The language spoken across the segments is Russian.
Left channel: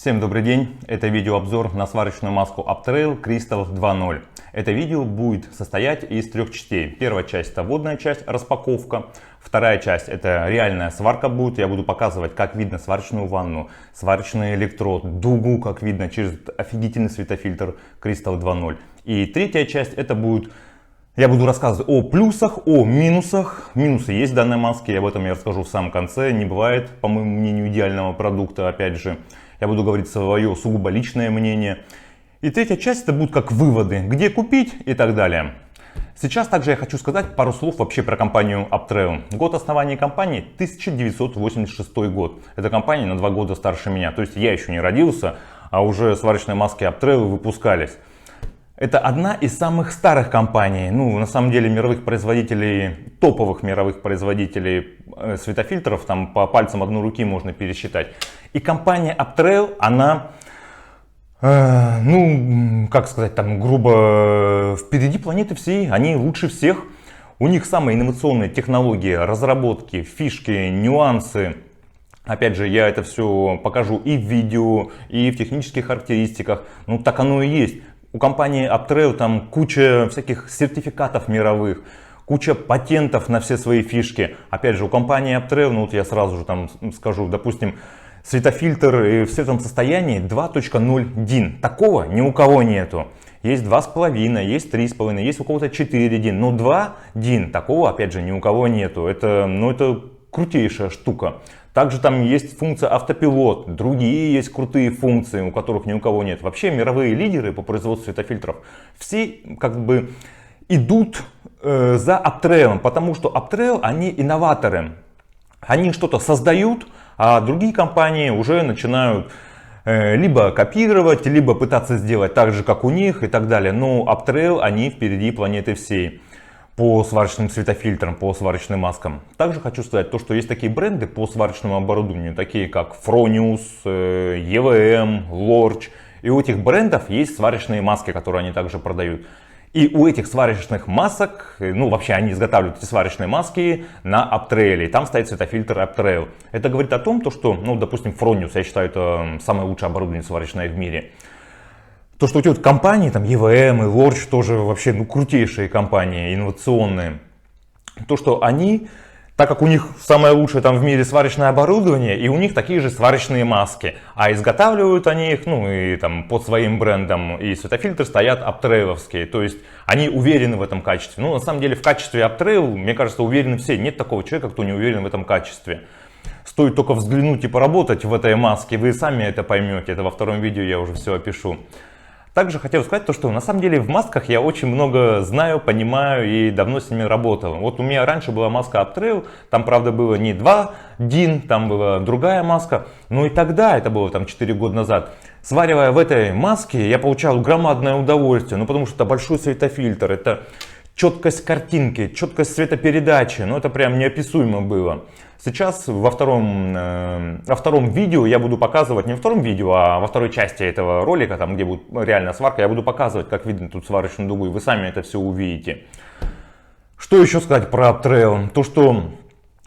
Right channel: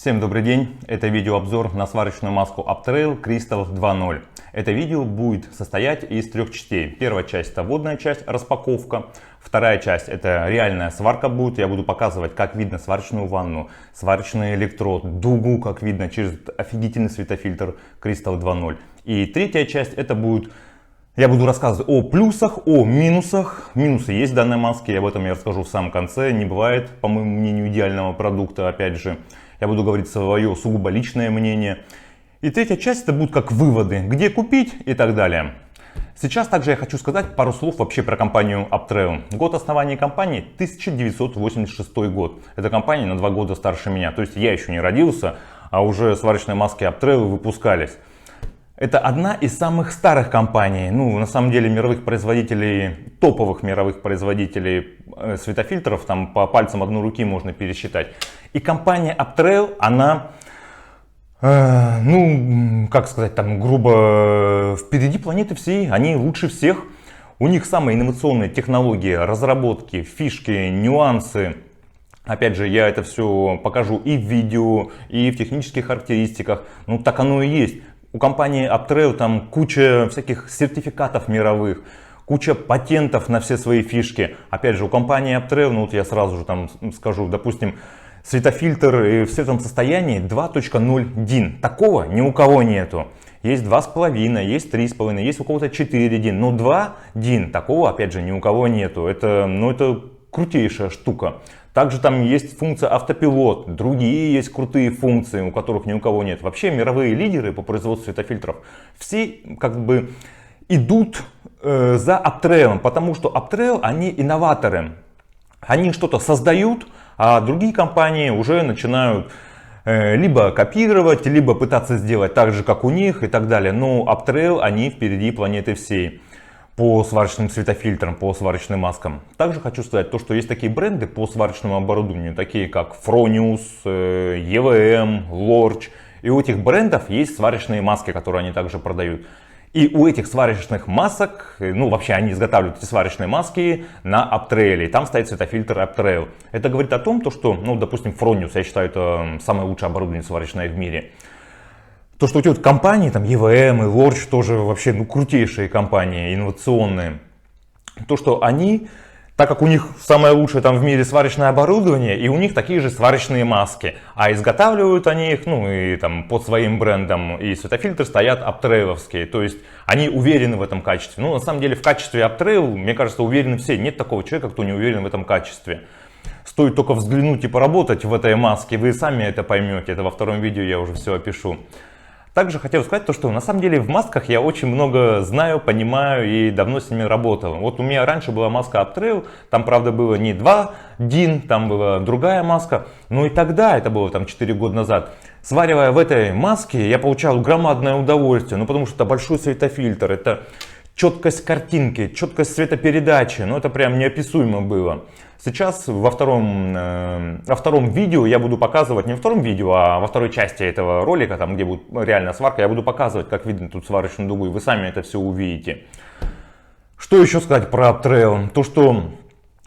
Всем добрый день! Это видеообзор на сварочную маску Uptrail Crystal 2.0. Это видео будет состоять из трех частей. Первая часть — это вводная часть, распаковка. Вторая часть — это реальная сварка будет. Я буду показывать, как видно сварочную ванну, сварочный электрод, дугу, как видно через офигительный светофильтр Crystal 2.0. И третья часть — это будет... Я буду рассказывать о плюсах, о минусах. Минусы есть в данной маске, об этом я расскажу в самом конце. Не бывает, по моему мнению, идеального продукта, опять же. Я буду говорить свое сугубо личное мнение. И третья часть — это будут как выводы, где купить и так далее. Сейчас также я хочу сказать пару слов вообще про компанию Uptrail. Год основания компании — 1986 год. Эта компания на 2 года старше меня. То есть я еще не родился, а уже сварочные маски Uptrail выпускались. Это одна из самых старых компаний, на самом деле мировых производителей, топовых мировых производителей светофильтров, там по пальцам одной руки можно пересчитать. И компания Uptrail, она, как сказать, там грубо, впереди планеты всей, они лучше всех. У них самые инновационные технологии, разработки, фишки, нюансы. Опять же, я это все покажу и в видео, и в технических характеристиках, так оно и есть. У компании Uptrail там куча всяких сертификатов мировых, куча патентов на все свои фишки. Опять же, у компании Uptrail, я сразу же там скажу, допустим, светофильтр в светлом состоянии 2.0 DIN. Такого ни у кого нету. Есть 2.5, есть 3.5, есть у кого-то 4 DIN. Но 2 DIN, такого опять же ни у кого нету. Это крутейшая штука. Также там есть функция автопилот, другие есть крутые функции, у которых ни у кого нет. Вообще мировые лидеры по производству светофильтров все идут за Uptrail, потому что Uptrail, они инноваторы. Они что-то создают, а другие компании уже начинают либо копировать, либо пытаться сделать так же, как у них и так далее. Но Uptrail, они впереди планеты всей по сварочным светофильтрам, по сварочным маскам. Также хочу сказать, что есть такие бренды по сварочному оборудованию, такие как Fronius, EVM, Lorch. И у этих брендов есть сварочные маски, которые они также продают. И у этих сварочных масок, вообще они изготавливают эти сварочные маски на Uptrail. И там стоит светофильтр Uptrail. Это говорит о том, что, допустим, Fronius, я считаю, это самое лучшее оборудование сварочное в мире. То, что у тебя компании, там EVM и Lorch тоже вообще крутейшие компании, инновационные. То, что они, так как у них самое лучшее там в мире сварочное оборудование, и у них такие же сварочные маски. А изготавливают они их, и там под своим брендом, и светофильтры стоят Uptrail'овские. То есть они уверены в этом качестве. На самом деле в качестве Uptrail, мне кажется, уверены все. Нет такого человека, кто не уверен в этом качестве. Стоит только взглянуть и поработать в этой маске, вы сами это поймете. Это во втором видео я уже все опишу. Также хотел сказать что на самом деле в масках я очень много знаю, понимаю и давно с ними работал. Вот у меня раньше была маска Uptrail, там правда было не 2 DIN, там была другая маска. И тогда, это было там 4 года назад, сваривая в этой маске, я получал громадное удовольствие. Потому что это большой светофильтр, это четкость картинки, четкость цветопередачи, это прям неописуемо было. Сейчас во втором видео я буду показывать, не во втором видео, а во второй части этого ролика, там где будет реальная сварка, я буду показывать, как видно тут сварочную дугу, и вы сами это все увидите. Что еще сказать про Uptrail? То, что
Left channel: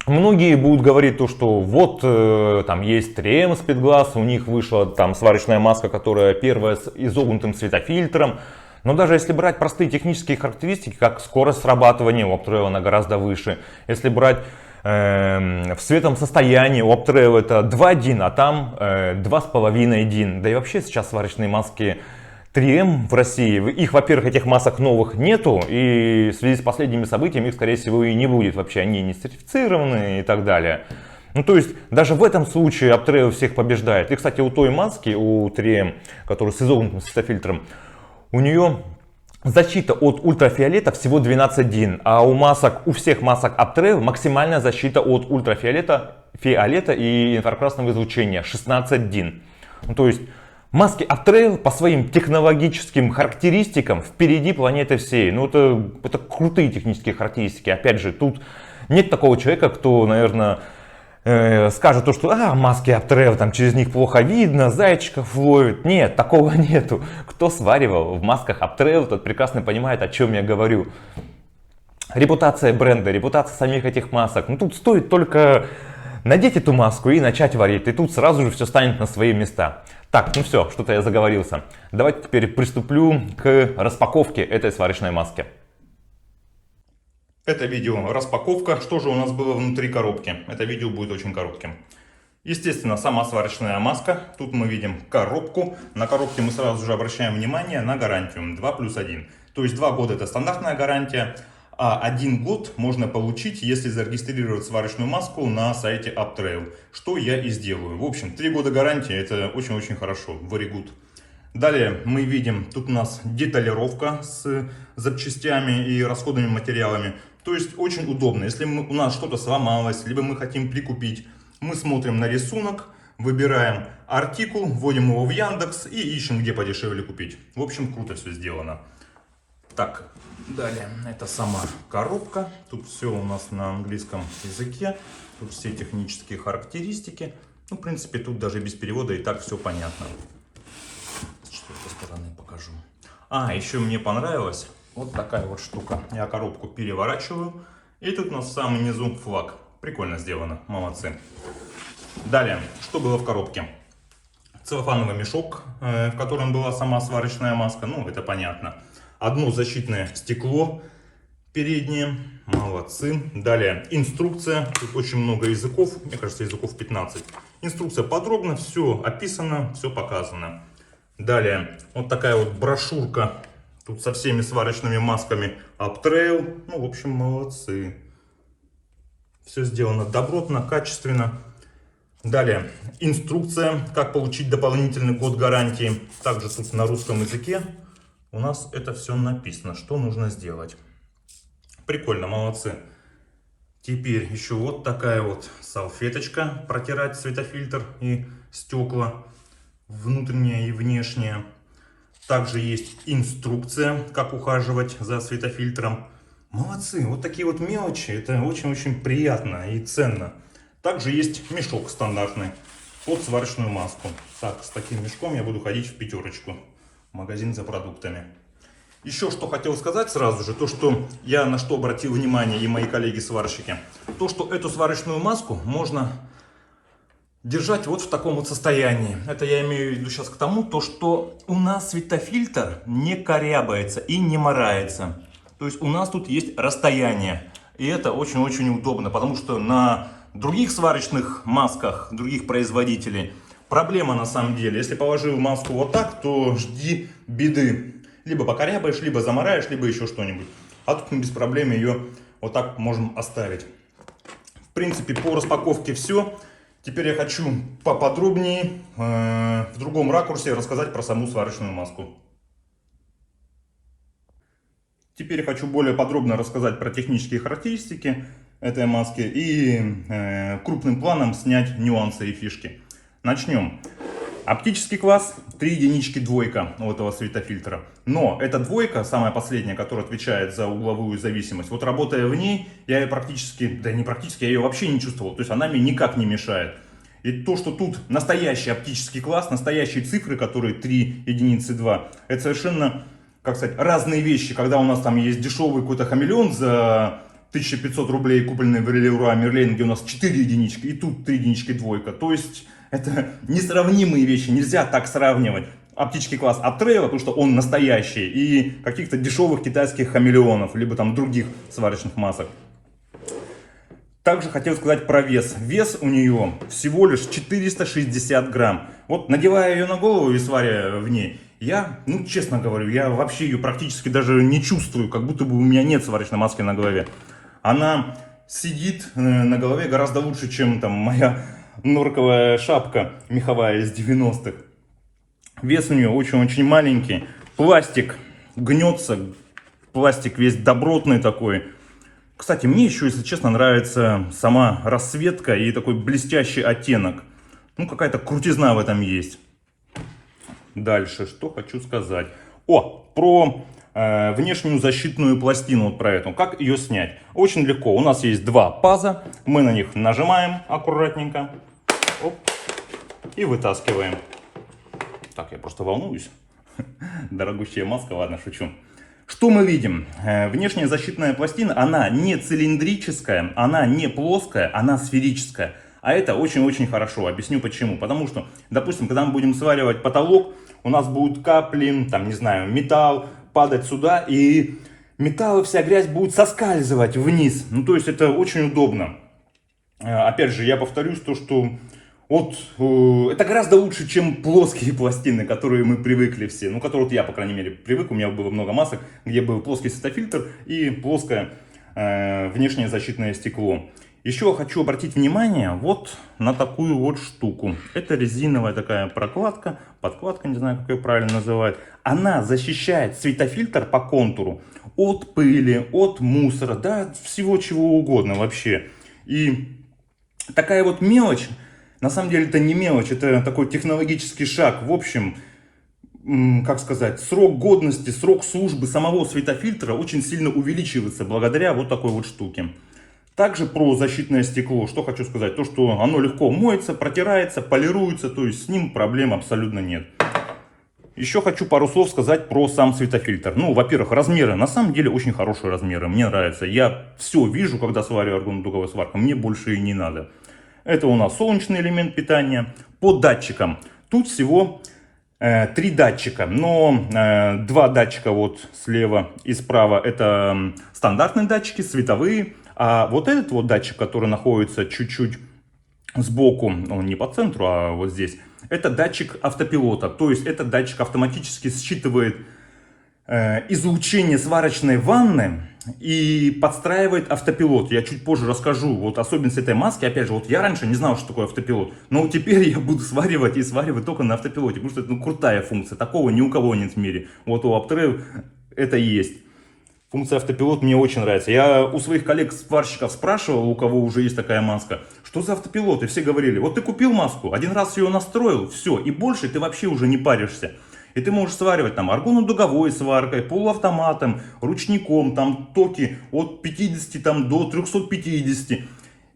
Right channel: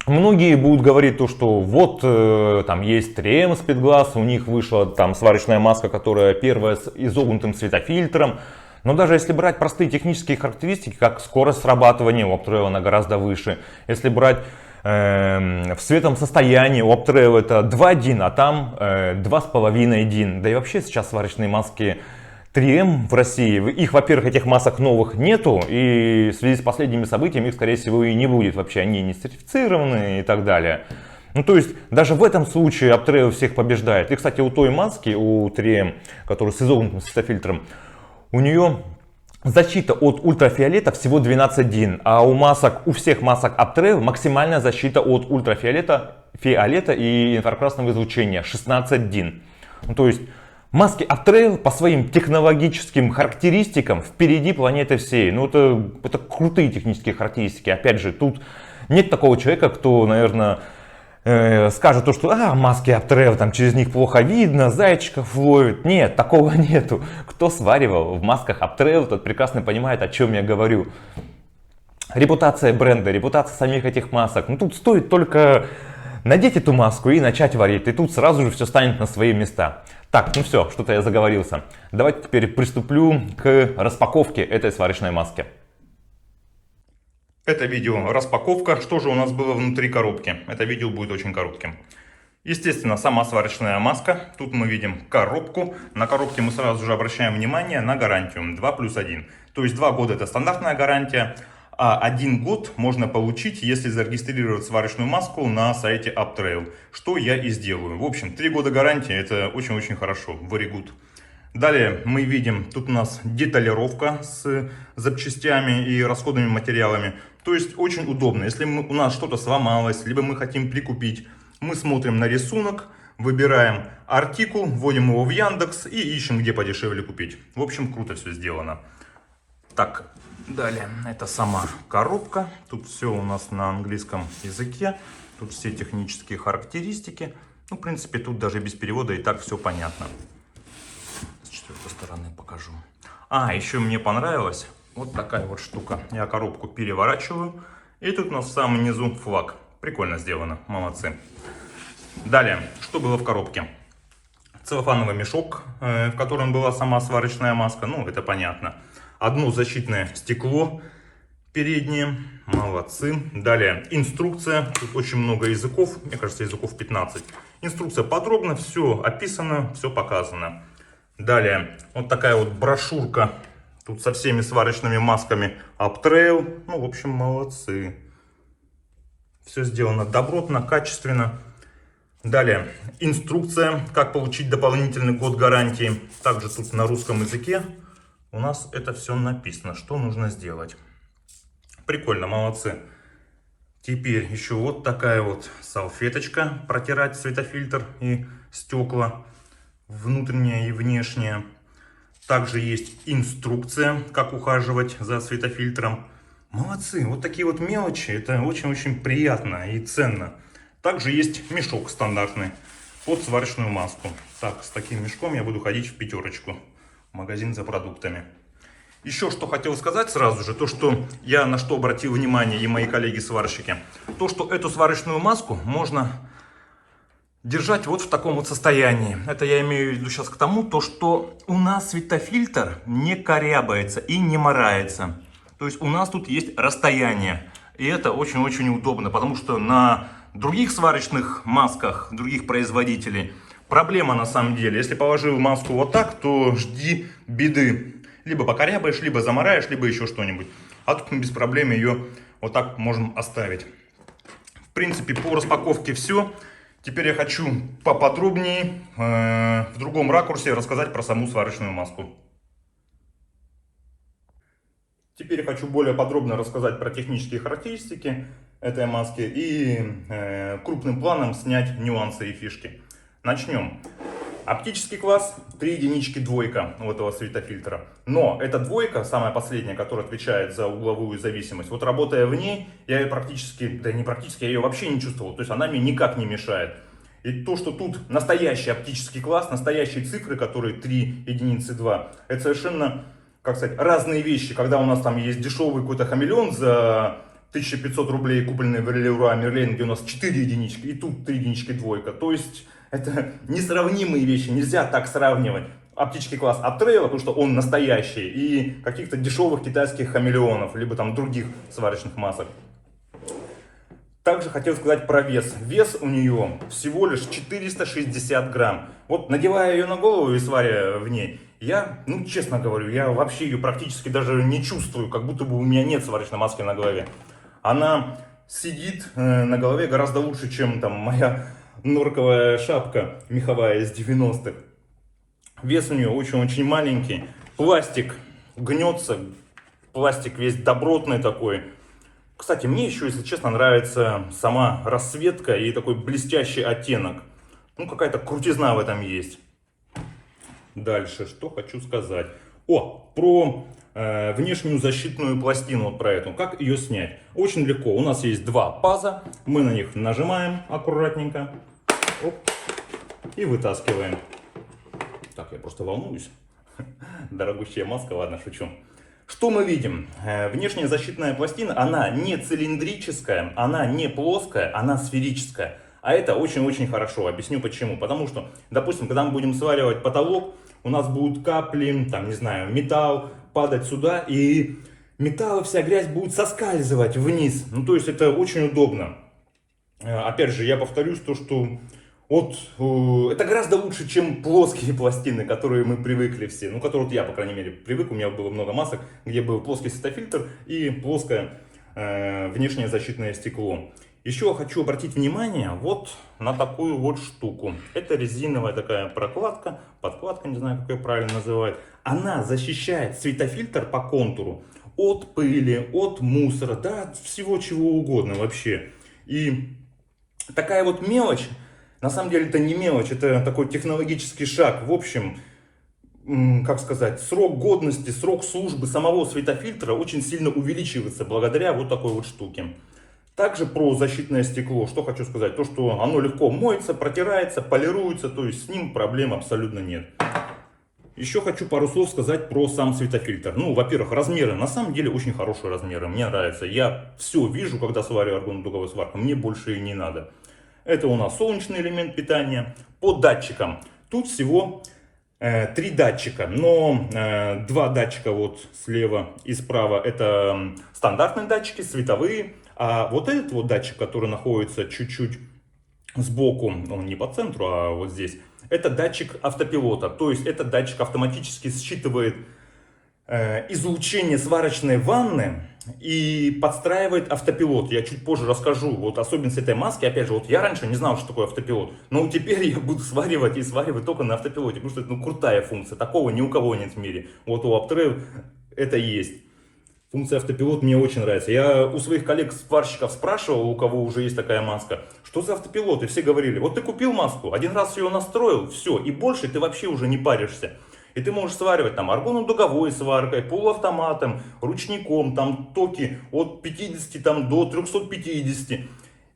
многие будут говорить, что вот там есть 3M Speedglass, у них вышла там сварочная маска, которая первая с изогнутым светофильтром. Но даже если брать простые технические характеристики, как скорость срабатывания, у Uptrail она гораздо выше. Если брать в светлом состоянии, у Uptrail это 2 DIN, а там 2,5 DIN. Да и вообще сейчас сварочные маски 3M в России, их, во-первых, этих масок новых нету, и в связи с последними событиями их, скорее всего, и не будет вообще, они не сертифицированы и так далее. То есть, даже в этом случае Uptrail всех побеждает. И, кстати, у той маски, у 3M, которая с изогнутым светофильтром, у нее защита от ультрафиолета всего 12 DIN, а у всех масок Uptrail максимальная защита от ультрафиолета и инфракрасного излучения 16 DIN. То есть маски Uptrail по своим технологическим характеристикам впереди планеты всей. Это крутые технические характеристики. Опять же, тут нет такого человека, кто, наверное, скажет что маски Uptrail, там через них плохо видно, зайчиков ловит. Нет, такого нету. Кто сваривал в масках Uptrail, тот прекрасно понимает, о чем я говорю. Репутация бренда, репутация самих этих масок. Тут стоит только надеть эту маску и начать варить. И тут сразу же все станет на свои места. Так, ну все, что-то я заговорился. Давайте теперь приступлю к распаковке этой сварочной маски. Это видео распаковка. Что же у нас было внутри коробки? Это видео будет очень коротким. Естественно, сама сварочная маска. Тут мы видим коробку. На коробке мы сразу же обращаем внимание на гарантию 2+1. То есть 2 года это стандартная гарантия, а 1 год можно получить, если зарегистрировать сварочную маску на сайте Uptrail. Что я и сделаю. В общем, 3 года гарантии это очень-очень хорошо. Very good. Далее мы видим, тут у нас деталировка с запчастями и расходными материалами. То есть очень удобно. Если у нас что-то сломалось, либо мы хотим прикупить, мы смотрим на рисунок, выбираем артикул, вводим его в Яндекс и ищем, где подешевле купить. В общем, круто все сделано. Так, далее, это сама коробка. Тут все у нас на английском языке. Тут все технические характеристики. Ну, в принципе, тут даже без перевода и так все понятно. С четвертой стороны покажу. Еще мне понравилась вот такая вот штука. Я коробку переворачиваю. И тут у нас в самом низу флаг. Прикольно сделано, молодцы. Далее, что было в коробке? Целлофановый мешок, в котором была сама сварочная маска. Ну, это понятно. Одно защитное стекло переднее. Молодцы. Далее, инструкция. Тут очень много языков. Мне кажется, языков 15. Инструкция подробно, все описано, все показано. Далее, вот такая вот брошюрка. Тут со всеми сварочными масками Uptrail. Ну, в общем, молодцы. Все сделано добротно, качественно. Далее, инструкция, как получить дополнительный год гарантии. Также тут на русском языке у нас это все написано, что нужно сделать. Прикольно, молодцы. Теперь еще вот такая вот салфеточка, протирать светофильтр и стекла, внутреннее и внешнее. Также есть инструкция, как ухаживать за светофильтром. Молодцы, вот такие вот мелочи, это очень-очень приятно и ценно. Также есть мешок стандартный под сварочную маску. Так, с таким мешком я буду ходить в пятерочку, в магазин за продуктами. Еще что хотел сказать сразу же, то что я на что обратил внимание и мои коллеги-сварщики. То, что эту сварочную маску можно держать вот в таком вот состоянии. Это я имею в виду сейчас к тому, то что у нас светофильтр не корябается и не морается. То есть у нас тут есть расстояние. И это очень-очень удобно, потому что на других сварочных масках, других производителей, проблема на самом деле. Если положил маску вот так, то жди беды. Либо покорябаешь, либо замараешь, либо еще что-нибудь. А тут мы без проблем ее вот так можем оставить. В принципе, по распаковке все. Теперь я хочу поподробнее, в другом ракурсе рассказать про саму сварочную маску. Теперь хочу более подробно рассказать про технические характеристики этой маски и крупным планом снять нюансы и фишки. Начнем. Оптический класс 3 единички двойка у этого светофильтра. Но эта двойка, самая последняя, которая отвечает за угловую зависимость, вот работая в ней, я ее практически, да не практически, я ее вообще не чувствовал. То есть она мне никак не мешает. И то, что тут настоящий оптический класс, настоящие цифры, которые 3 единицы 2, это совершенно, как сказать, разные вещи. Когда у нас там есть дешевый какой-то хамелеон за 1500 рублей, купленный в Leroy Merlin, где у нас 4 единички, и тут 3 единички двойка. То есть это несравнимые вещи, нельзя так сравнивать. Оптический класс Uptrail, потому что он настоящий, и каких-то дешевых китайских хамелеонов, либо там других сварочных масок. Также хотел сказать про вес. Вес у нее всего лишь 460 грамм. Вот надевая ее на голову и сваря в ней, я, ну честно говорю, я вообще ее практически даже не чувствую, как будто бы у меня нет сварочной маски на голове. Она сидит на голове гораздо лучше, чем там моя норковая шапка меховая из 90-х. Вес у нее очень-очень маленький. Пластик гнется. Пластик весь добротный такой. Кстати, мне еще, если честно, нравится сама расцветка и такой блестящий оттенок. Ну, какая-то крутизна в этом есть. Дальше, что хочу сказать. Про внешнюю защитную пластину, вот про эту. Как ее снять? Очень легко. У нас есть 2 паза. Мы на них нажимаем аккуратненько. Оп, и вытаскиваем. Так, я просто волнуюсь. Дорогущая маска, ладно, шучу. Что мы видим? Внешняя защитная пластина, она не цилиндрическая, она не плоская, она сферическая. А это очень-очень хорошо. Объясню почему. Потому что, допустим, когда мы будем сваривать потолок, у нас будут капли, там, не знаю, металл падать сюда, и металл и вся грязь будет соскальзывать вниз. Ну, то есть это очень удобно. Опять же, я повторюсь, то, что вот это гораздо лучше, чем плоские пластины, которые мы привыкли все. Ну, которые вот я, по крайней мере, привык. У меня было много масок, где был плоский светофильтр и плоское внешнее защитное стекло. Еще хочу обратить внимание вот на такую вот штуку. Это резиновая такая прокладка, подкладка, не знаю, как ее правильно называют. Она защищает светофильтр по контуру от пыли, от мусора, да, всего чего угодно вообще. И такая вот мелочь, на самом деле это не мелочь, это такой технологический шаг. В общем, как сказать, срок годности, срок службы самого светофильтра очень сильно увеличивается благодаря вот такой вот штуке. Также про защитное стекло, что хочу сказать, то что оно легко моется, протирается, полируется, то есть с ним проблем абсолютно нет. Еще хочу пару слов сказать про сам светофильтр. Ну, во-первых, размеры, на самом деле очень хорошие размеры, мне нравится. Я все вижу, когда сварю аргонно-дуговую сварку, мне больше и не надо. Это у нас солнечный элемент питания. По датчикам, тут всего 3 датчика, но 2 датчика вот слева и справа это стандартные датчики, световые. А вот этот вот датчик, который находится чуть-чуть сбоку, ну не по центру, а вот здесь, это датчик автопилота. То есть этот датчик автоматически считывает излучение сварочной ванны и подстраивает автопилот. Я чуть позже расскажу вот особенность этой маски. Опять же, вот я раньше не знал, что такое автопилот, но теперь я буду сваривать и сваривать только на автопилоте, потому что это ну, крутая функция. Такого ни у кого нет в мире. Вот у Aptrev это есть. Функция автопилот мне очень нравится. Я у своих коллег-сварщиков спрашивал, у кого уже есть такая маска, что за автопилот, и все говорили, вот ты купил маску, один раз ее настроил, все, и больше ты вообще уже не паришься. И ты можешь сваривать там аргонно-дуговой сваркой, полуавтоматом, ручником, там токи от 50 там, до 350.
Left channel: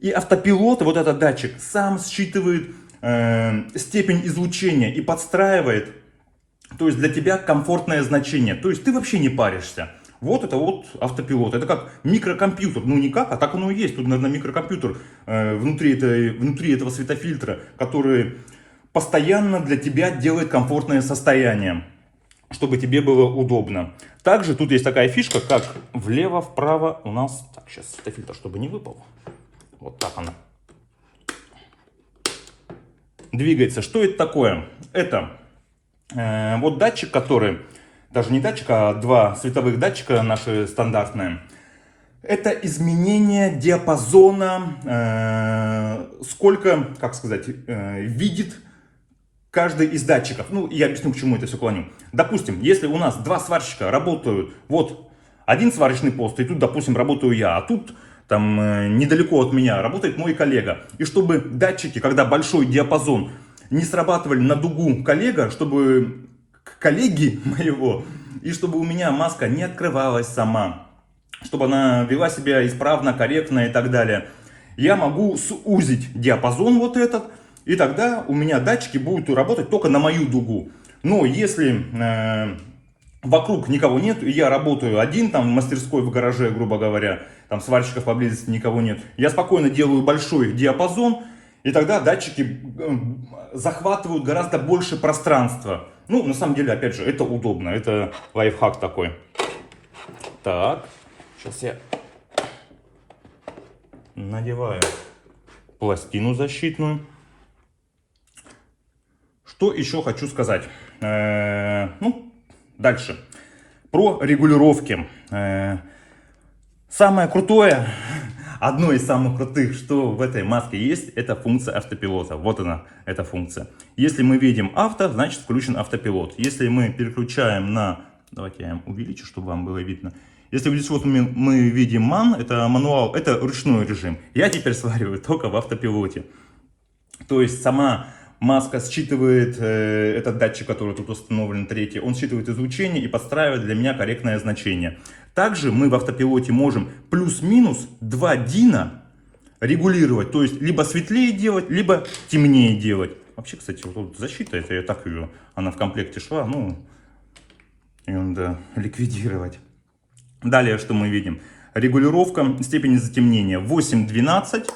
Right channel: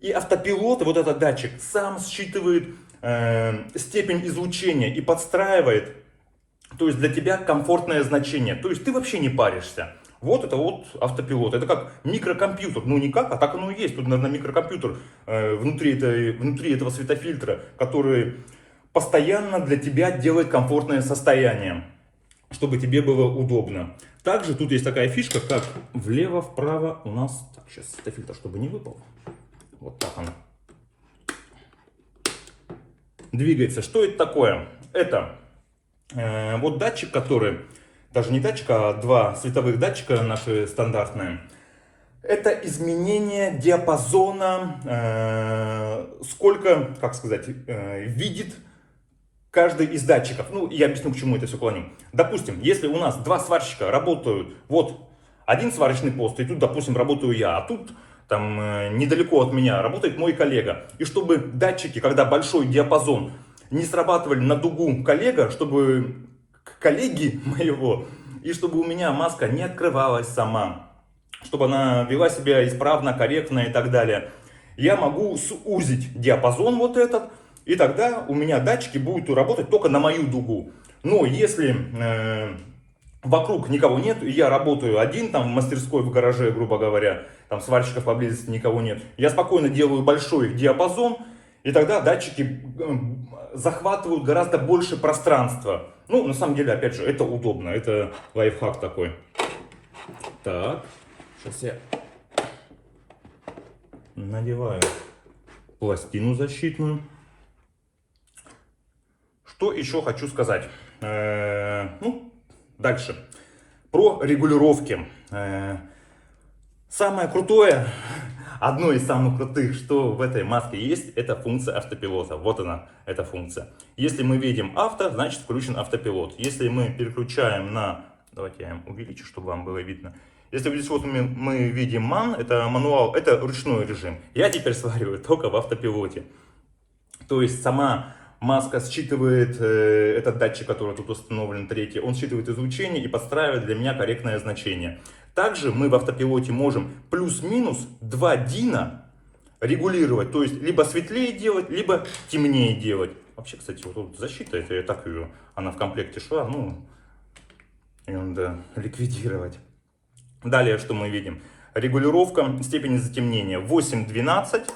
И автопилот, вот этот датчик, сам считывает степень излучения и подстраивает, то есть для тебя комфортное значение. То есть ты вообще не паришься. Вот это вот автопилот. Это как микрокомпьютер. Ну не как, а так оно и есть. Тут, наверное, микрокомпьютер внутри этого светофильтра, который постоянно для тебя делает комфортное состояние, чтобы тебе было удобно. Также тут есть такая фишка, как влево-вправо у нас... Так, сейчас светофильтр, чтобы не выпал. Вот так он двигается. Что это такое? Это вот датчик, который... Даже не датчик, а 2 световых датчика наши стандартные. Это изменение диапазона, сколько, как сказать, видит каждый из датчиков. Ну, я объясню, к чему это все клоню. Допустим, если у нас 2 сварщика работают, вот один сварочный пост, и тут, допустим, работаю я, а тут там недалеко от меня работает мой коллега. И чтобы датчики, когда большой диапазон, не срабатывали на дугу коллега, чтобы... коллеги моего, и чтобы у меня маска не открывалась сама, чтобы она вела себя исправно, корректно и так далее. Я могу сузить диапазон вот этот, и тогда у меня датчики будут работать только на мою дугу. Но если вокруг никого нет, и я работаю один, там в мастерской, в гараже, грубо говоря, там сварщиков поблизости никого нет, я спокойно делаю большой диапазон, и тогда датчики захватывают гораздо больше пространства. Ну, на самом деле, опять же, это удобно. Это лайфхак такой. Так, сейчас я надеваю пластину защитную. Что еще хочу сказать? Ну, дальше. Про регулировки. Самое крутое... Одно из самых крутых, что в этой маске есть, это функция автопилота. Вот она, эта функция. Если мы видим авто, значит включен автопилот. Если мы переключаем на... Давайте я увеличу, чтобы вам было видно. Если здесь вот мы видим ман, это мануал, это ручной режим. Я теперь свариваю только в автопилоте. То есть сама маска считывает этот датчик, который тут установлен, третий. Он считывает излучение и подстраивает для меня корректное значение. Также мы в автопилоте можем плюс-минус 2 дина регулировать. То есть либо светлее делать, либо темнее делать. Вообще, кстати, вот тут защита, это я так ее, она в комплекте шла, ну, ее надо ликвидировать. Далее, что мы видим? Регулировка степени затемнения 8-12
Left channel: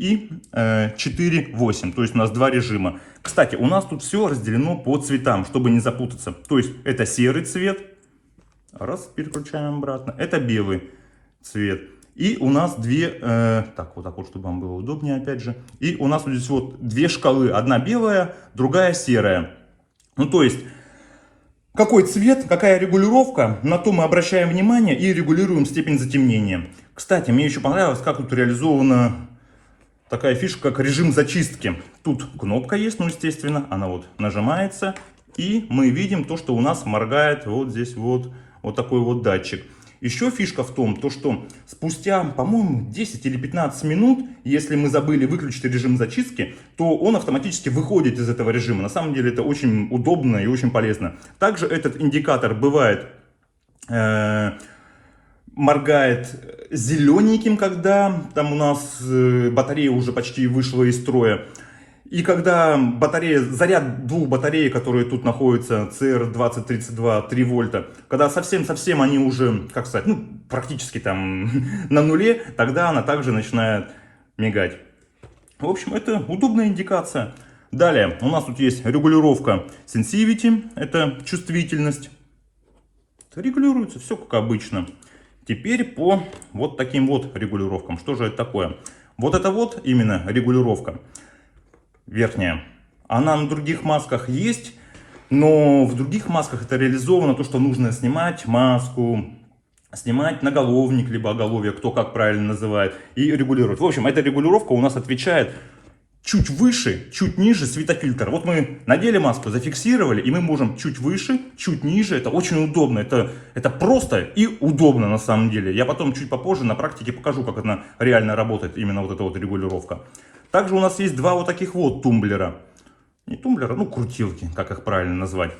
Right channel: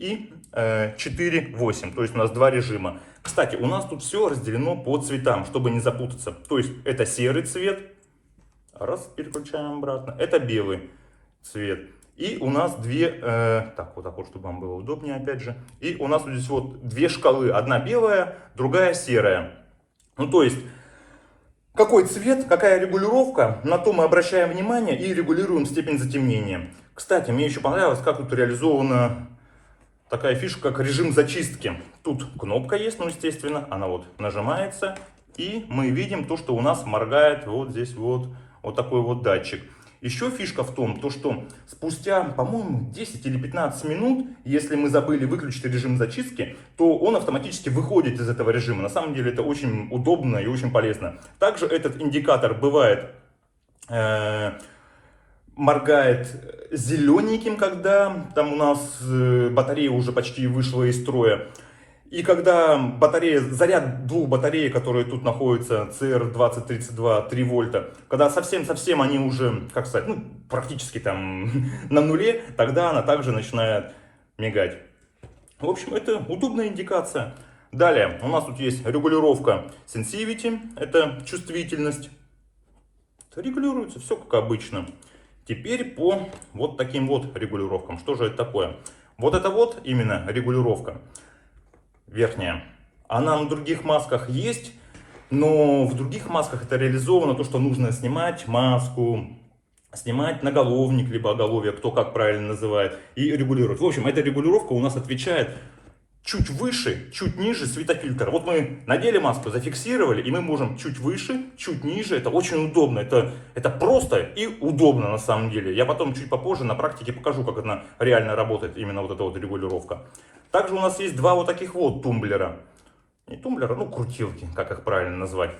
и 4.8. То есть у нас два режима. Кстати, у нас тут все разделено по цветам, чтобы не запутаться. То есть это серый цвет. Раз, переключаем обратно. Это белый цвет. И у нас две, так, вот так вот, чтобы вам было удобнее, опять же. И у нас вот здесь вот две шкалы. Одна белая, другая серая. Ну, то есть, какой цвет, какая регулировка, на то мы обращаем внимание и регулируем степень затемнения. Кстати, мне еще понравилось, как тут реализована такая фишка, как режим зачистки. Тут кнопка есть, ну, естественно, она вот нажимается. И мы видим то, что у нас моргает вот здесь вот такой вот датчик. Еще фишка в том, то, что спустя, по-моему, 10 или 15 минут, если мы забыли выключить режим зачистки, то он автоматически выходит из этого режима. На самом деле это очень удобно и очень полезно. Также этот индикатор бывает, моргает зелененьким, когда там у нас батарея уже почти вышла из строя. И когда батарея, заряд двух батарей, которые тут находятся, CR2032, 3 вольта, когда совсем-совсем они уже, как сказать, ну, практически там на нуле, тогда она также начинает мигать. В общем, это удобная индикация. Далее, у нас тут есть регулировка Sensivity, это чувствительность. Регулируется все как обычно. Теперь по вот таким вот регулировкам. Что же это такое? Вот это вот именно регулировка. Верхняя. Она на других масках есть, но в других масках это реализовано то, что нужно снимать маску, снимать наголовник, либо оголовье, кто как правильно называет, и регулировать. В общем, эта регулировка у нас отвечает чуть выше, чуть ниже светофильтр. Вот мы надели маску, зафиксировали, и мы можем чуть выше, чуть ниже. Это очень удобно, это просто и удобно на самом деле. Я потом чуть попозже на практике покажу, как она реально работает, именно вот эта вот регулировка. Также у нас есть два вот таких вот тумблера. Не тумблера, ну крутилки, как их правильно назвать.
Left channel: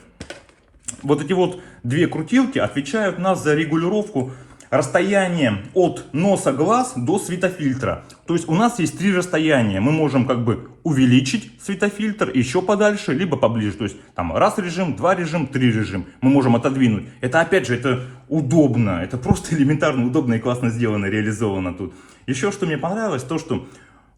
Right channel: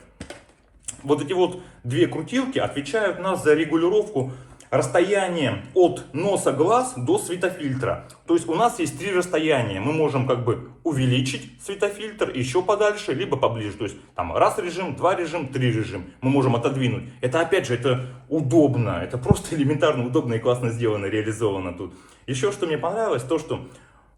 Вот эти вот две крутилки отвечают нас за регулировку расстояния от носа глаз до светофильтра. То есть у нас есть три расстояния. Мы можем как бы увеличить светофильтр еще подальше, либо поближе. То есть там раз режим, два режим, три режим. Мы можем отодвинуть. Это опять же, это удобно. Это просто элементарно удобно и классно сделано, реализовано тут. Еще что мне понравилось, то что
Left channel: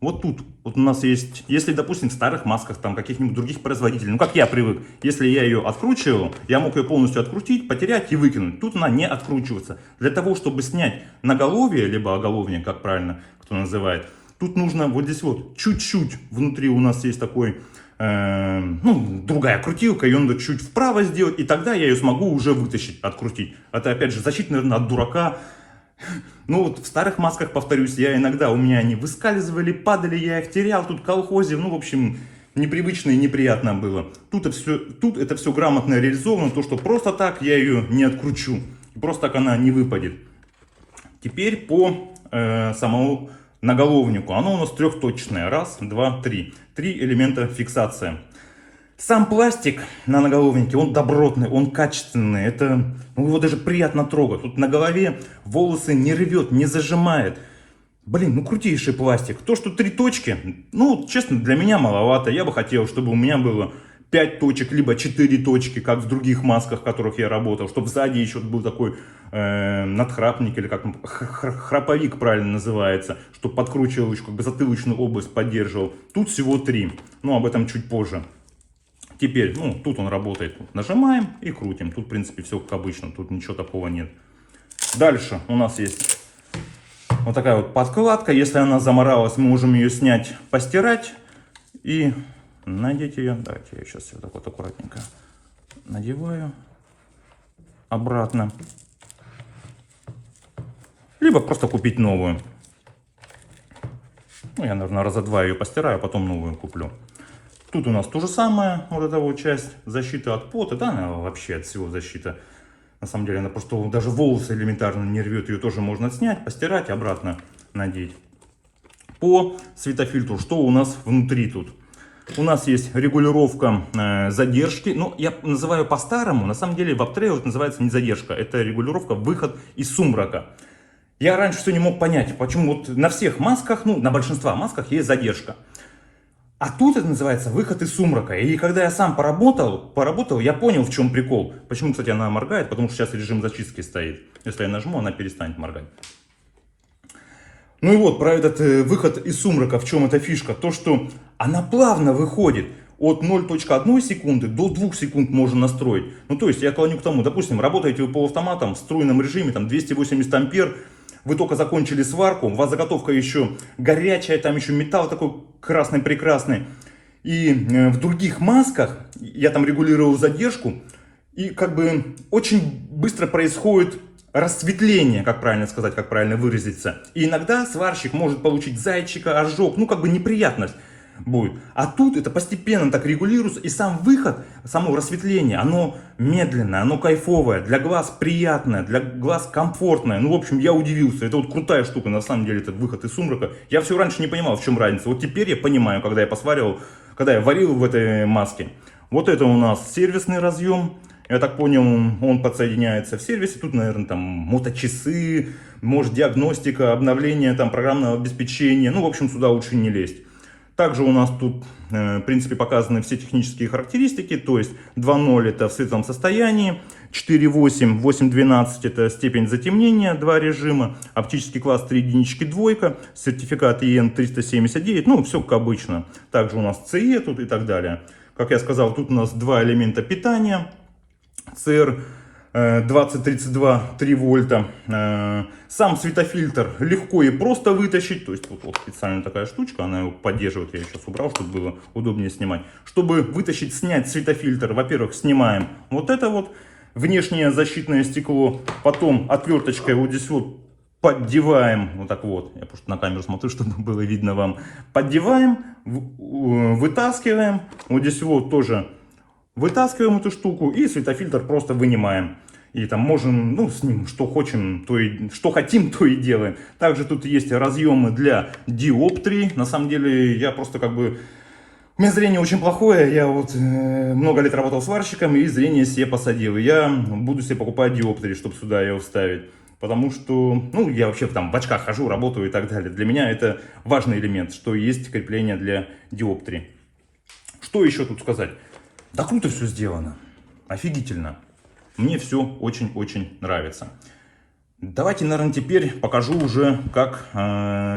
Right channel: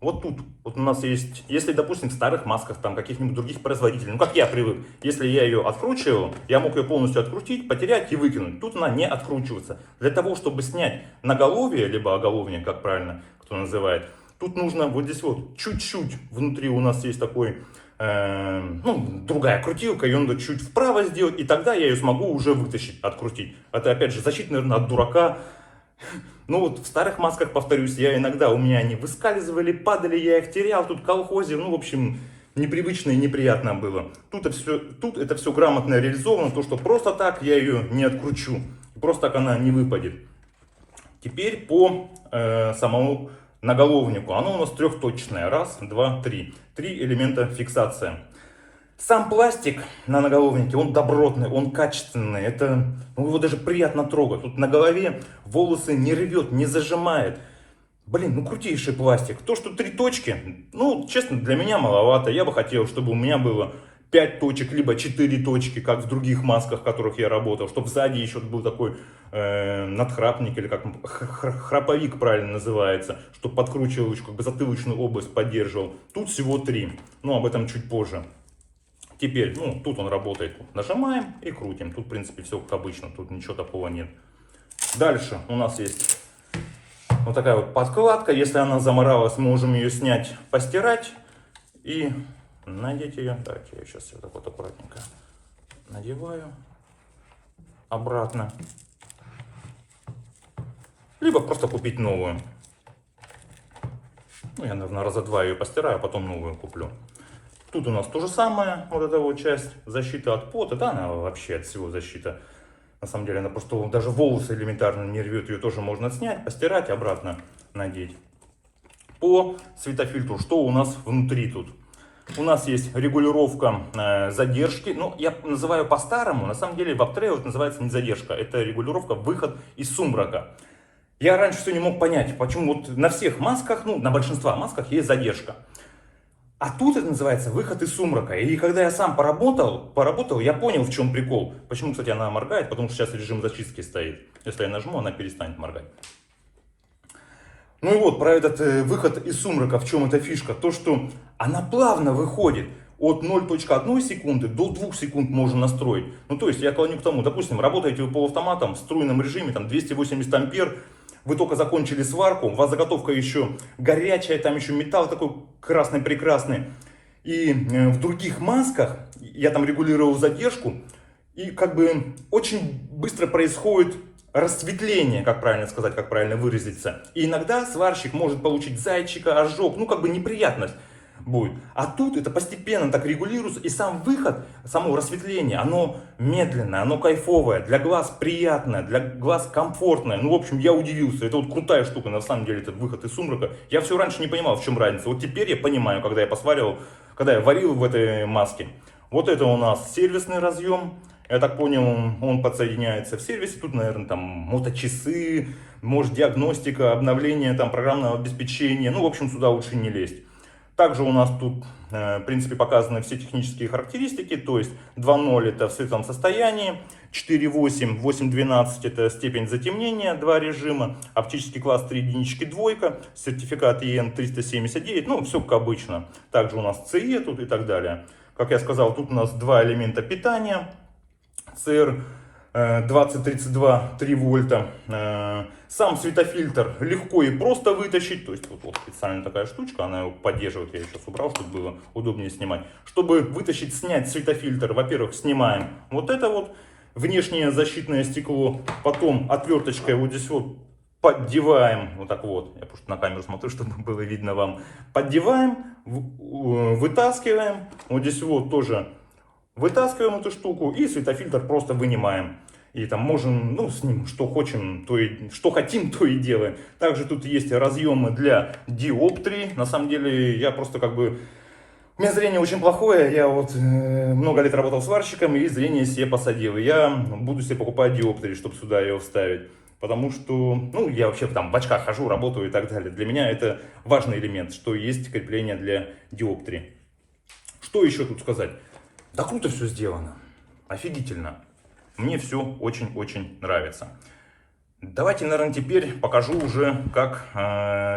вот тут вот у нас есть, если, допустим, в старых масках там каких-нибудь других производителей, ну как я привык, если я ее откручивал, я мог ее полностью открутить, потерять и выкинуть. Тут она не откручивается. Для того, чтобы снять наголовье, либо оголовье, как правильно кто называет, тут нужно вот здесь вот чуть-чуть внутри у нас есть такой, ну, другая крутилка, ее надо чуть вправо сделать, и тогда я ее смогу уже вытащить, открутить. Это опять же защита, наверное, от дурака. Ну вот в старых масках, повторюсь, я иногда, у меня они выскальзывали, падали, я их терял, тут колхозе, ну в общем, непривычно и неприятно было. Тут это все грамотно реализовано, то что просто так я ее не откручу, просто так она не выпадет. Теперь по самому наголовнику, оно у нас трехточное, раз, два, три. Три элемента фиксация. Сам пластик на наголовнике, он добротный, он качественный, это, ну, его даже приятно трогать. Тут на голове волосы не рвет, не зажимает. Блин, ну крутейший пластик. То, что три точки, ну, честно, для меня маловато. Я бы хотел, чтобы у меня было 5 точек, либо 4 точки, как в других масках, в которых я работал. Чтобы сзади еще был такой надхрапник, или как храповик правильно называется, чтобы подкручивал еще, как бы затылочную область поддерживал. Тут всего 3, но об этом чуть позже. Теперь, ну, тут он работает. Нажимаем и крутим. Тут, в принципе, все как обычно. Тут ничего такого нет. Дальше у нас есть вот такая вот подкладка. Если она заморалась, мы можем ее снять, постирать и надеть ее. Давайте я сейчас вот так вот аккуратненько надеваю обратно. Либо просто купить новую. Ну, я, наверное, раза два ее постираю, а потом новую куплю. Тут у нас то же самое, вот эта вот часть защиты от пота, да, она вообще от всего защита. На самом деле, она просто даже волосы элементарно не рвет, ее тоже можно снять, постирать и обратно надеть. По светофильтру, что у нас внутри тут? У нас есть регулировка задержки, ну, я называю по-старому, на самом деле в Uptrail это называется не задержка, это регулировка выход из сумрака. Я раньше все не мог понять, почему вот на всех масках, ну, на большинстве масках есть задержка. А тут это называется выход из сумрака. Или когда я сам поработал, я понял, в чем прикол. Почему, кстати, она моргает, потому что сейчас режим зачистки стоит. Если я нажму, она перестанет моргать. Ну и вот про этот выход из сумрака, в чем эта фишка, то что она плавно выходит. От 0,1 секунды до 2 секунд можно настроить. Ну то есть я клоню к тому, допустим, работаете вы полуавтоматом в струйном режиме, там 280 ампер, вы только закончили сварку, у вас заготовка еще горячая, там еще металл такой красный прекрасный. И в других масках я там регулировал задержку, и как бы очень быстро происходит расцветление, как правильно сказать, как правильно выразиться. И иногда сварщик может получить зайчика, ожог, ну как бы неприятность будет. А тут это постепенно так регулируется, и сам выход, само рассветление, оно медленное, оно кайфовое, для глаз приятное, для глаз комфортное. Ну, в общем, я удивился. Это вот крутая штука, на самом деле, этот выход из сумрака. Я все раньше не понимал, в чем разница. Вот теперь я понимаю, когда я посваривал, когда я варил в этой маске. Вот это у нас сервисный разъем. Я так понял, он подсоединяется в сервисе. Тут, наверное, там моточасы, может диагностика, обновление там программного обеспечения. Ну, в общем, сюда лучше не лезть. Также у нас тут, в принципе, показаны все технические характеристики, то есть 2.0 это в светлом состоянии, 4.8, 8.12 это степень затемнения, два режима, оптический класс 3 единички двойка, сертификат EN 379, ну все как обычно. Также у нас CE тут и так далее. Как я сказал, тут у нас два элемента питания, CR 2032 3 вольта. Сам светофильтр легко и просто вытащить. То есть вот специальная такая штучка, она его поддерживает. Я сейчас убрал, чтобы было удобнее снимать. Чтобы вытащить, снять светофильтр, во-первых, снимаем вот это вот внешнее защитное стекло. Потом отверточкой вот здесь вот поддеваем, вот так вот, я просто на камеру смотрю, чтобы было видно вам. Поддеваем, вытаскиваем. Вот здесь вот тоже вытаскиваем эту штуку и светофильтр просто вынимаем. И там можем, ну, с ним что хотим, что хотим, то и делаем. Также тут есть разъемы для диоптрий. На самом деле, я просто как бы... У меня зрение очень плохое. Я вот много лет работал сварщиком и зрение себе посадил. Я буду себе покупать диоптрии, чтобы сюда ее вставить. Потому что, ну, я вообще там в очках хожу, работаю и так далее. Для меня это важный элемент, что есть крепление для диоптрий. Что еще тут сказать? Да круто все сделано. Офигительно. Мне все очень-очень нравится. Давайте, наверное, теперь покажу уже, как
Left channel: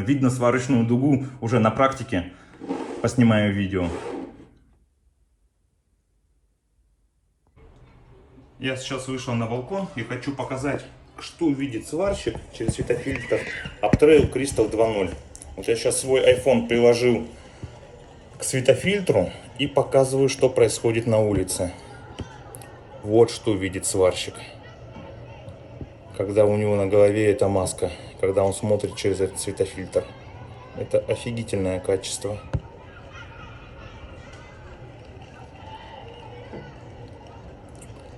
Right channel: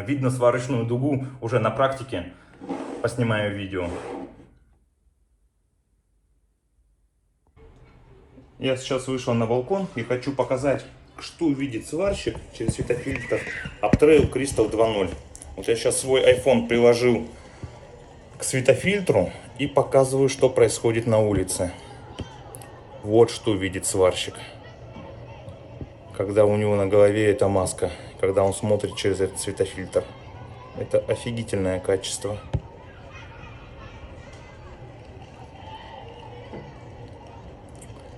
видно сварочную дугу уже на практике. Поснимаю видео. Я сейчас вышел на балкон и хочу показать, что видит сварщик через светофильтр Uptrail Crystal 2.0. Вот я сейчас свой iPhone приложил к светофильтру и показываю, что происходит на улице. Вот что видит сварщик, когда у него на голове эта маска, когда он смотрит через этот светофильтр. Это офигительное качество.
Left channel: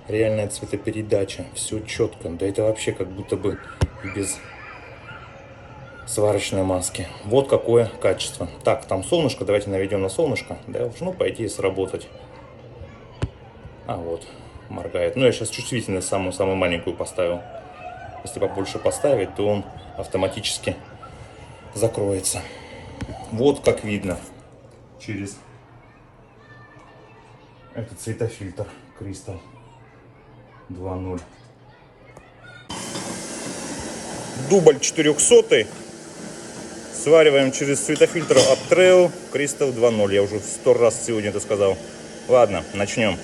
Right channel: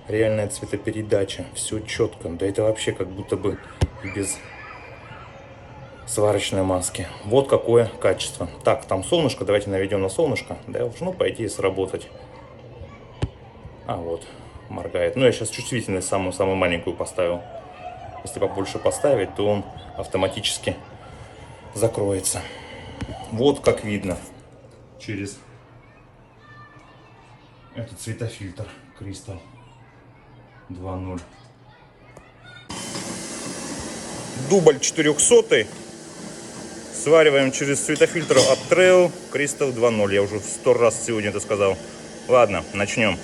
Реальная цветопередача, все четко. Да это вообще как будто бы без сварочной маски. Вот какое качество. Так, там солнышко, давайте наведем на солнышко. Должно, по идее, сработать. А вот, моргает. Ну, я сейчас чувствительность самую маленькую поставил. Если побольше поставить, то он автоматически закроется. Вот как видно через этот светофильтр Crystal 2.0. Дубль 400. Свариваем через светофильтр Uptrail Crystal 2.0. Я уже 100 раз сегодня это сказал. Ладно, начнем.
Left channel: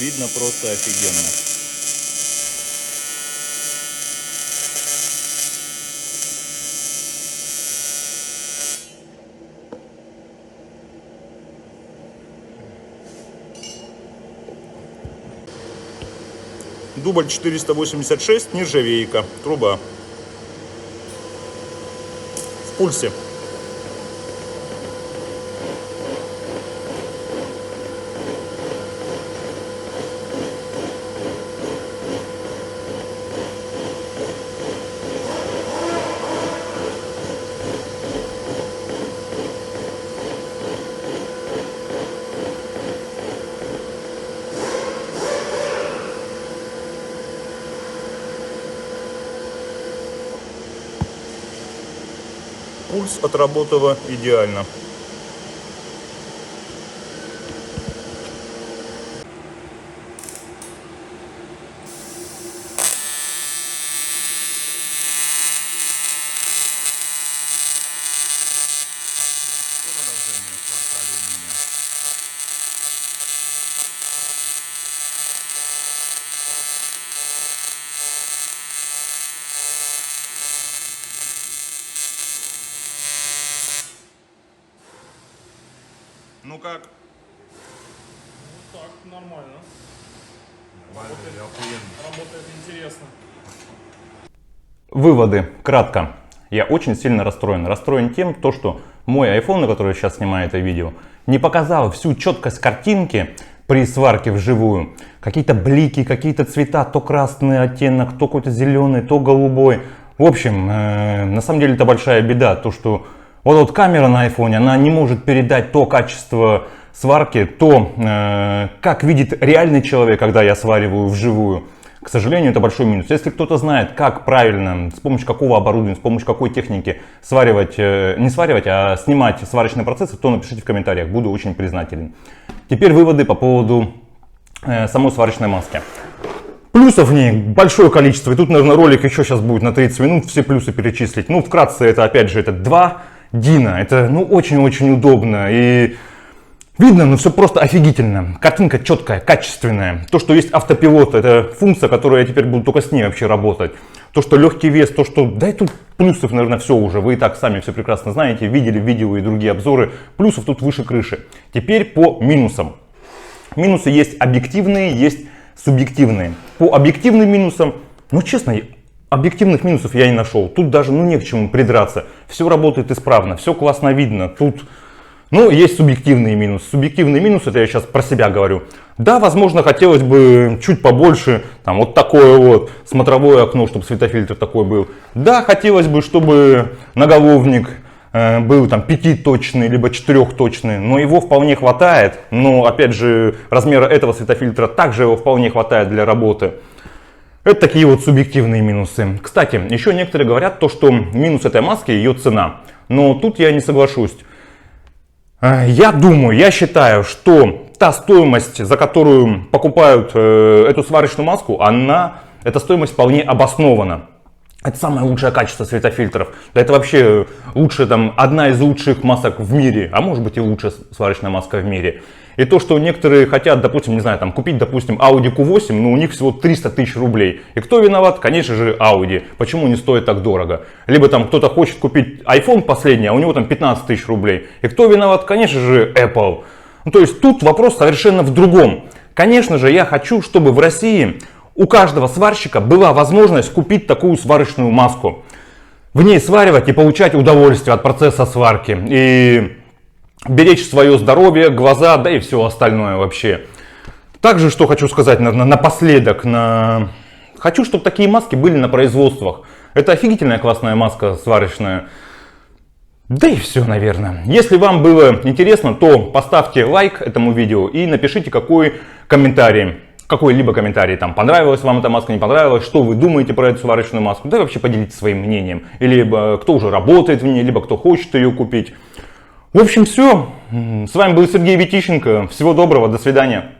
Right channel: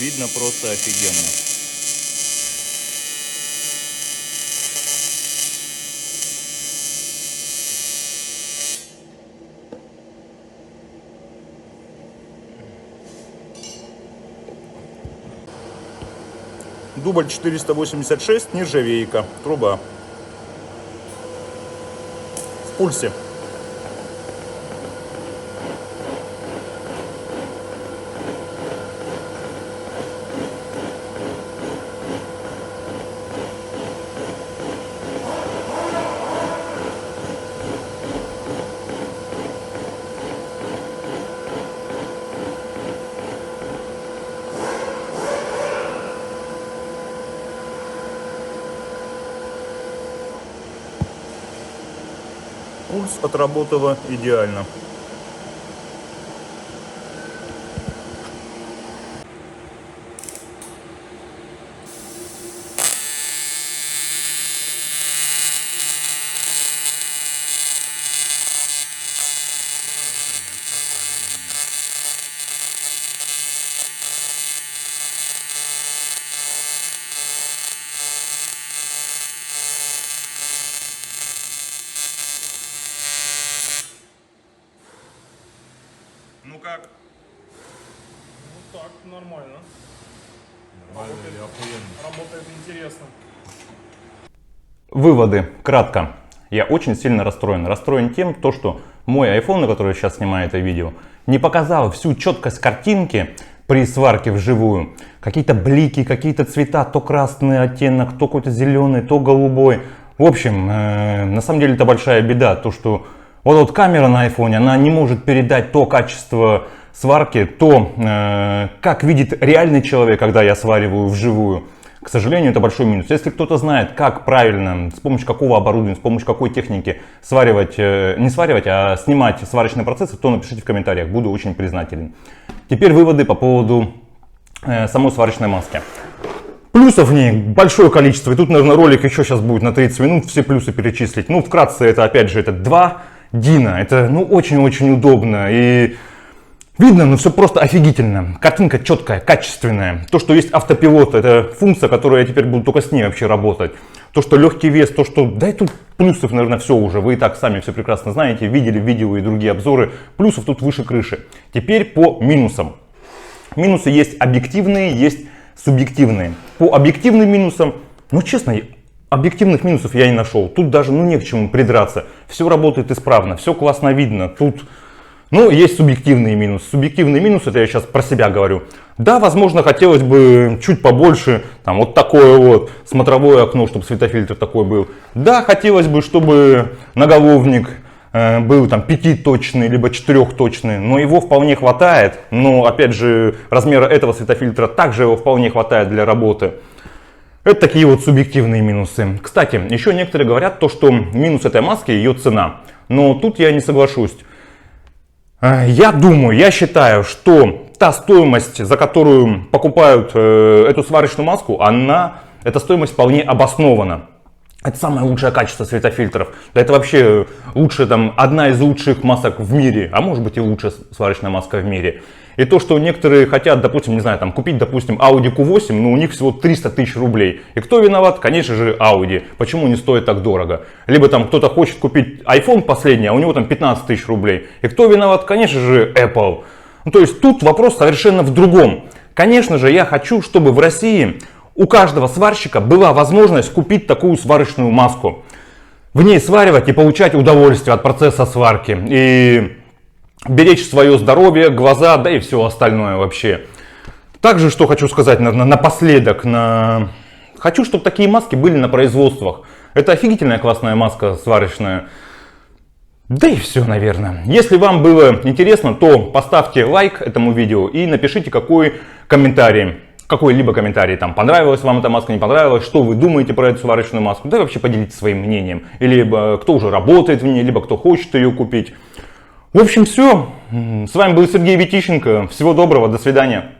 Видно просто офигенно. Дубль 486, нержавейка, труба. В пульсе. Пульс отработала идеально. Ну как? Вот так, нормально. Работает интересно. Выводы. Кратко. Я очень сильно расстроен. Расстроен тем, что мой iPhone, на который я сейчас снимаю это видео, не показал всю четкость картинки при сварке вживую. Какие-то блики, какие-то цвета, то красный оттенок, то какой-то зеленый, то голубой. В общем, на самом деле это большая беда, то что вот камера на iPhone, она не может передать то качество сварки, то, как видит реальный человек, когда я свариваю вживую. К сожалению, это большой минус. Если кто-то знает, как правильно, с помощью какого оборудования, с помощью какой техники сваривать, не сваривать, а снимать сварочные процессы, то напишите в комментариях, буду очень признателен. Теперь выводы по поводу самой сварочной маски. Плюсов в ней большое количество, и тут, наверное, ролик еще сейчас будет на 30 минут все плюсы перечислить. Ну, вкратце, это опять же, это 2 Дина, это ну очень-очень удобно, и видно, ну все просто офигительно. Картинка четкая, качественная. То, что есть автопилот, это функция, которую я теперь буду только с ней вообще работать. То, что легкий вес, то, что... Да и тут плюсов, наверное, все уже. Вы и так сами все прекрасно знаете, видели видео и другие обзоры. Плюсов тут выше крыши. Теперь по минусам. Минусы есть объективные, есть субъективные. По объективным минусам, ну честно, объективных минусов я не нашел. Тут даже ну не к чему придраться. Все работает исправно, все классно видно. Тут... Ну, есть субъективные минусы. Субъективный минус, это я сейчас про себя говорю. Да, возможно, хотелось бы чуть побольше, там, вот такое вот смотровое окно, чтобы светофильтр такой был. Да, хотелось бы, чтобы наголовник был там 5-точный, либо 4-точный, но его вполне хватает. Но, опять же, размера этого светофильтра также его вполне хватает для работы. Это такие вот субъективные минусы. Кстати, еще некоторые говорят то, что минус этой маски ее цена. Но тут я не соглашусь. Я думаю, я считаю, что та стоимость, за которую покупают эту сварочную маску, эта стоимость вполне обоснована. Это самое лучшее качество светофильтров. Да это вообще лучшая, там, одна из лучших масок в мире, а может быть и лучшая сварочная маска в мире. И то, что некоторые хотят, допустим, не знаю, там, купить, допустим, Audi Q8, но у них всего 300 тысяч рублей. И кто виноват? Конечно же, Audi. Почему не стоит так дорого? Либо там кто-то хочет купить iPhone последний, а у него там 15 тысяч рублей. И кто виноват? Конечно же, Apple. Ну, то есть тут вопрос совершенно в другом. Конечно же, я хочу, чтобы в России у каждого сварщика была возможность купить такую сварочную маску. В ней сваривать и получать удовольствие от процесса сварки. И беречь свое здоровье, глаза, да и все остальное вообще. Также, что хочу сказать напоследок. Хочу, чтобы такие маски были на производствах. Это офигительная классная маска сварочная. Да и все, наверное. Если вам было интересно, то поставьте лайк этому видео и напишите какой-либо комментарий, там, понравилась вам эта маска, не понравилась, что вы думаете про эту сварочную маску, да и вообще поделитесь своим мнением, либо кто уже работает в ней, либо кто хочет ее купить. В общем, все. С вами был Сергей Витищенко. Всего доброго, до свидания.